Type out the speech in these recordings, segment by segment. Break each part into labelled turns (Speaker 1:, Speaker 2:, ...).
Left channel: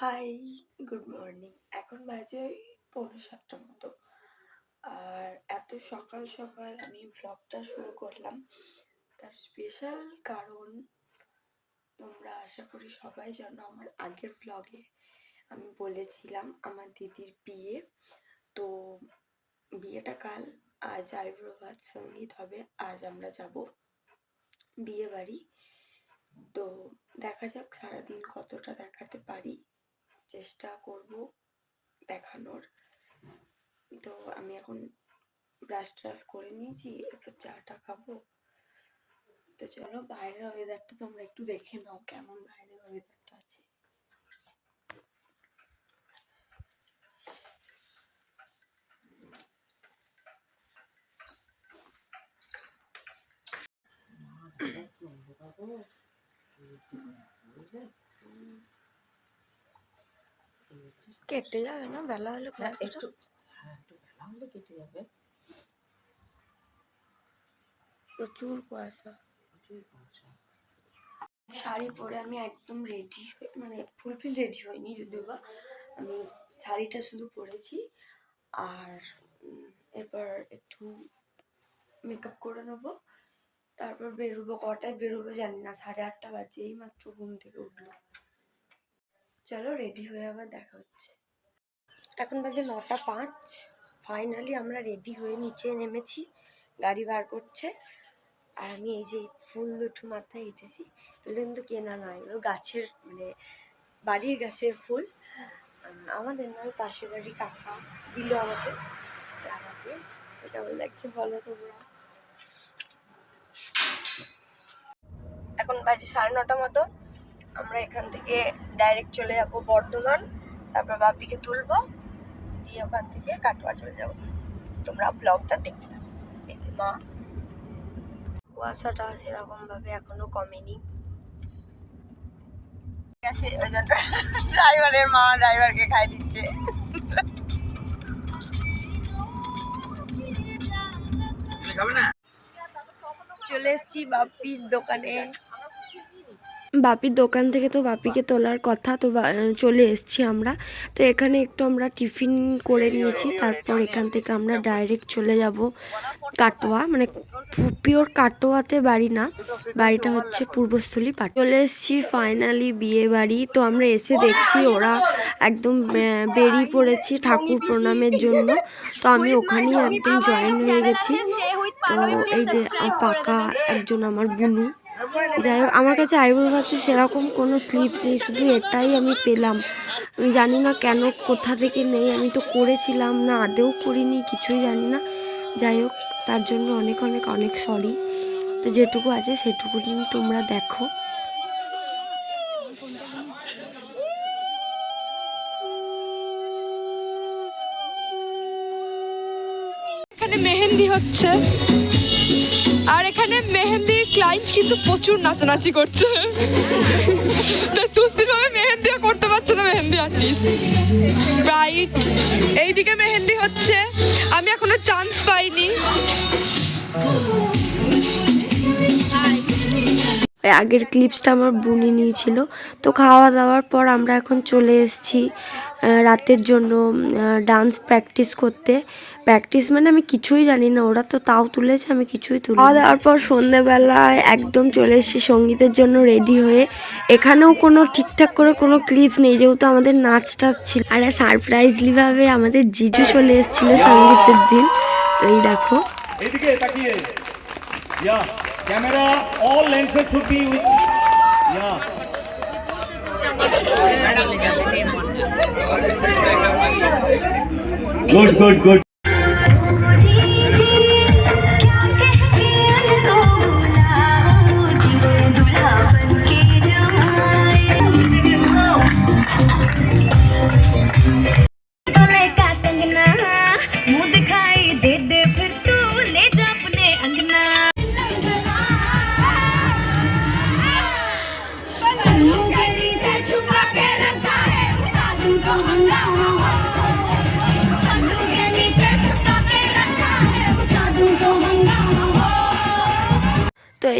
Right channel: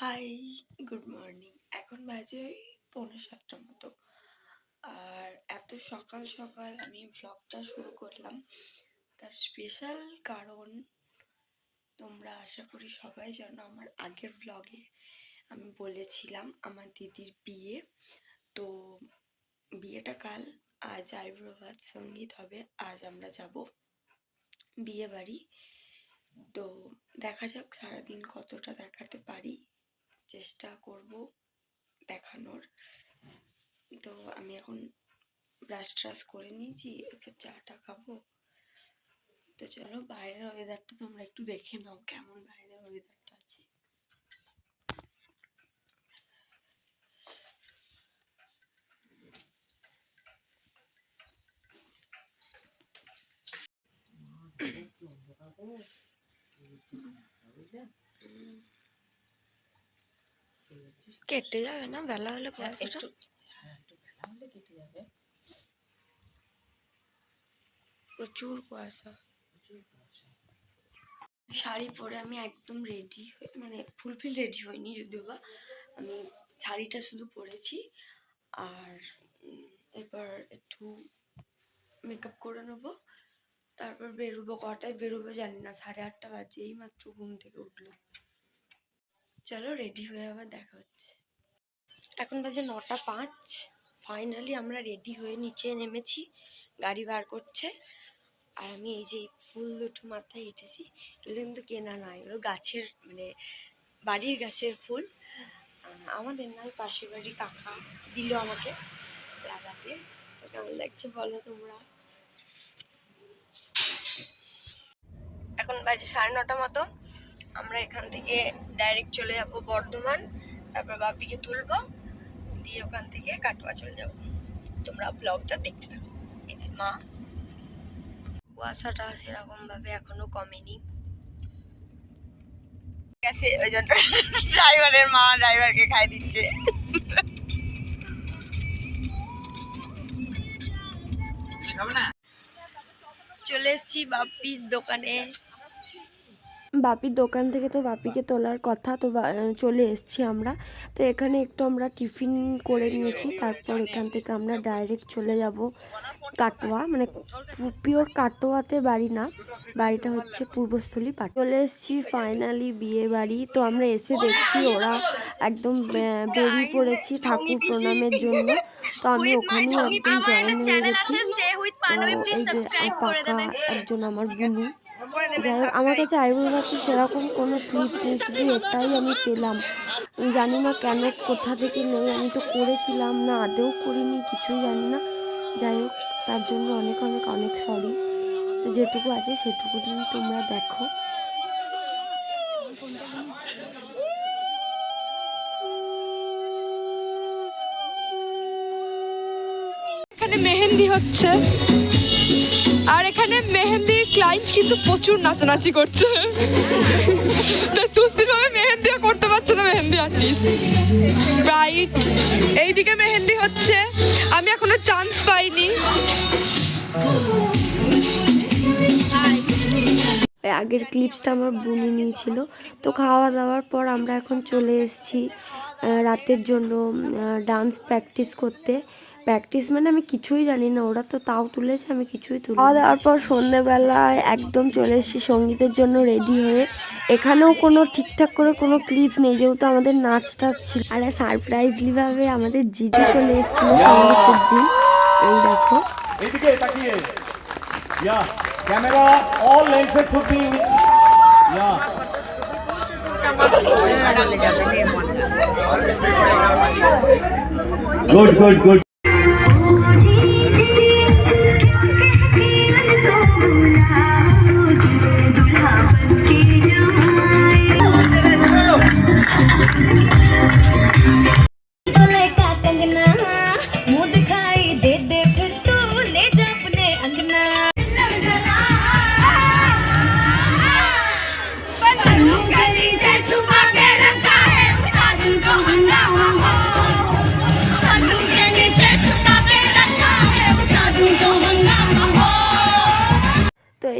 Speaker 1: Hi good morning এখন বাজে পৌনে সাতটার মতো। আর এত সকাল সকাল আমি ভ্লগটা শুরু করলাম। তার স্পেশাল কারণ তোমরা আশা করি সবাই জানো, আমার আগের ভ্লগে আমি বলেছিলাম আমার দিদির বিয়ে। তো বিয়েটা কাল আজ আইব্রো সংগীত হবে, আজ আমরা যাব বিয়ে বাড়ি তো দেখা যাক সারাদিন কতটা দেখাতে পারি। চেষ্টা করব দেখানোর। তো আমি এখন ব্রাশ ট্রাশ করে নিয়েছি, এরপর চাটা খাব। তো চলো, বাইরের ওয়েদারটা তোমরা একটু দেখে নাও, কেমন বাইরের ওয়েদারটা আছে। কেটে যাবে না? বেলা হলে
Speaker 2: হ্যাঁ, একটু হ্যাঁ একটু বেলা হলে কেটে যাবে।
Speaker 1: প্রচুর কুয়াশা।
Speaker 2: প্রচুর কুয়াশা।
Speaker 1: শাড়ি পরে আমি একদম রেডি মানে ফুলফিল রেডি হইনি যদিও বা। আমি শাড়িটা শুধু পরেছি। আর এবার একটু মেকআপ করে নেব। তারপর বেরোবো কটায়? বেরোবো জানি না সাড়ে আটটা বাজে এই মাত্র ঘুম থেকে উঠল চলো রেডি হয়ে আবার দেখা হচ্ছে। এখন বাজে নটা পাঁচ। ফাইনালি আমরা রেডি হয়ে নিচে নেমেছি, গাড়ি বার করছে। আর আমি এই যে ফুল দুটো মাথায় হেঁটেছি, এগুলো কিন্তু কেনা নয়, এগুলো গাছের মানে বাড়ির গাছের ফুল। আমাদের নয়, পাশের বাড়ি কাকা দিল আমাকে লাগাতে। কেমন লাগছে বলো তোমরা? এখন বাজে সাড়ে নটা মতো। আমরা এখান থেকে ডাইরেক্ট চলে যাব বর্ধমান তারপর বাপিকে তুলবো দিয়ে ওখান থেকে কাটোয়া চলে যাব। তোমরা ব্লগটা দেখতে থাকো। এই যে মা কুয়াশাটা সেরকম ভাবে এখনও কমেনি। আছে ওই জন্য ড্রাইভারের মা ড্রাইভারকে খাই দিচ্ছে। চলে এসেছি বাপির দোকানে। বাপির দোকান থেকে তো বাপিকে তোলার কথা তো চলে এসেছি আমরা। তো এখানে একটু আমরা টিফিন করে নিয়েছি, তারপর এখান থেকে আমরা ডাইরেক্ট চলে যাব কাটোয়া। মানে পিওর কাটোয়াতে বাড়ি না, বাড়িটা হচ্ছে পূর্বস্থলী পাট। চলে এসেছি ফাইনালি বিয়ে বাড়ি। তো আমরা এসে দেখছি ওরা একদম বেরিয়ে পড়েছি ঠাকুর প্রণামের জন্য। তো আমি ওখানেই একদম জয়েন হয়ে গেছি। তো এই যে পাকা একজন আমার বুনু। যাই হোক, আমার কাছে আইব্রো হচ্ছে সেরকম কোনো ক্লিপস নেই, শুধু এটাই আমি পেলাম। আমি জানি না কেন, কোথা থেকে নেই, আমি তো করেছিলাম না আদেও করিনি, কিছুই জানি না। যাই হোক, তার জন্য অনেক অনেক অনেক সরি তো যেটুকু আছে সেটুকু নিয়ে তোমরা দেখো।
Speaker 3: এখানে মেহেন্দি হচ্ছে। আর এখানে মেহেন্দির ক্লায়েন্ট কিন্তু প্রচুর নাচানাচি করছে। তো সুস্থিরভাবে মেহেন্দিও করতে পারছে না মেহেন্দি আর্টিস্ট ব্রাইট এইদিকে মেহেন্দি হচ্ছে। আমি এখনও চান্স পাইনি।
Speaker 1: আগের ক্লিপসটা আমার বুনি নিয়েছিল। তো খাওয়া দাওয়ার পর আমরা এখন চলে এসেছি রাতের জন্য ডান্স প্র্যাকটিস করতে। প্র্যাকটিস মানে আমি কিছুই জানি না ওরা তো তাও তুলেছে আমি কিছুই তুলি খাওয়া দাওয়ার পর সন্ধ্যেবেলায় একদম চলে এসেছি সঙ্গীতের জন্য রেডি হয়ে। এখানেও কোনো ঠিকঠাক করে কোনো ক্লিপ নেই যেহেতু আমাদের নাচ টাচ ছিল। আর সারপ্রাইজলিভাবে আমাদের জিজু চলে এসেছিল সঙ্গীতের দিন। তো এই দেখো।
Speaker 4: এদিকে তাকিয়ে। Camera all should be yeah good good good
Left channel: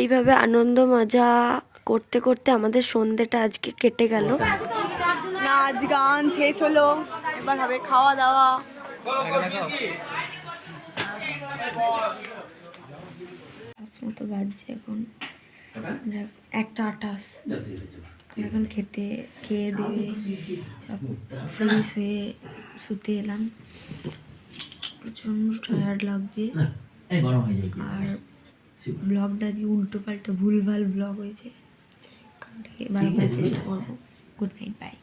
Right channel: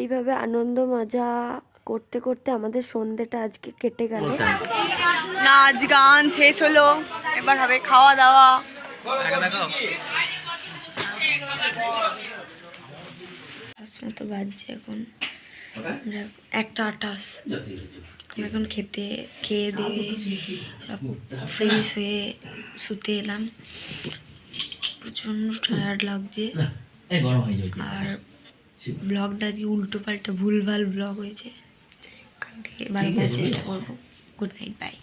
Speaker 1: এইভাবে আনন্দ মজা করতে করতে আমাদের সন্ধেটা আজকে কেটে গেল।
Speaker 3: নাচ গান শেষ হলো। এবার হবে খাওয়া দাওয়া।
Speaker 1: মতো বাজছে এখন। একটা আটাশ। আমরা এখন খেতে খেয়ে দিয়ে সব ফ্রেশ হয়ে শুতে এলাম। প্রচণ্ড টায়ার্ড লাগছে। আর ব্লগটা আজকে উল্টো পাল্টা ভুলভাল ব্লগ হয়েছে। এখান ওখান থেকে ভালো করার চেষ্টা করব। Good night bye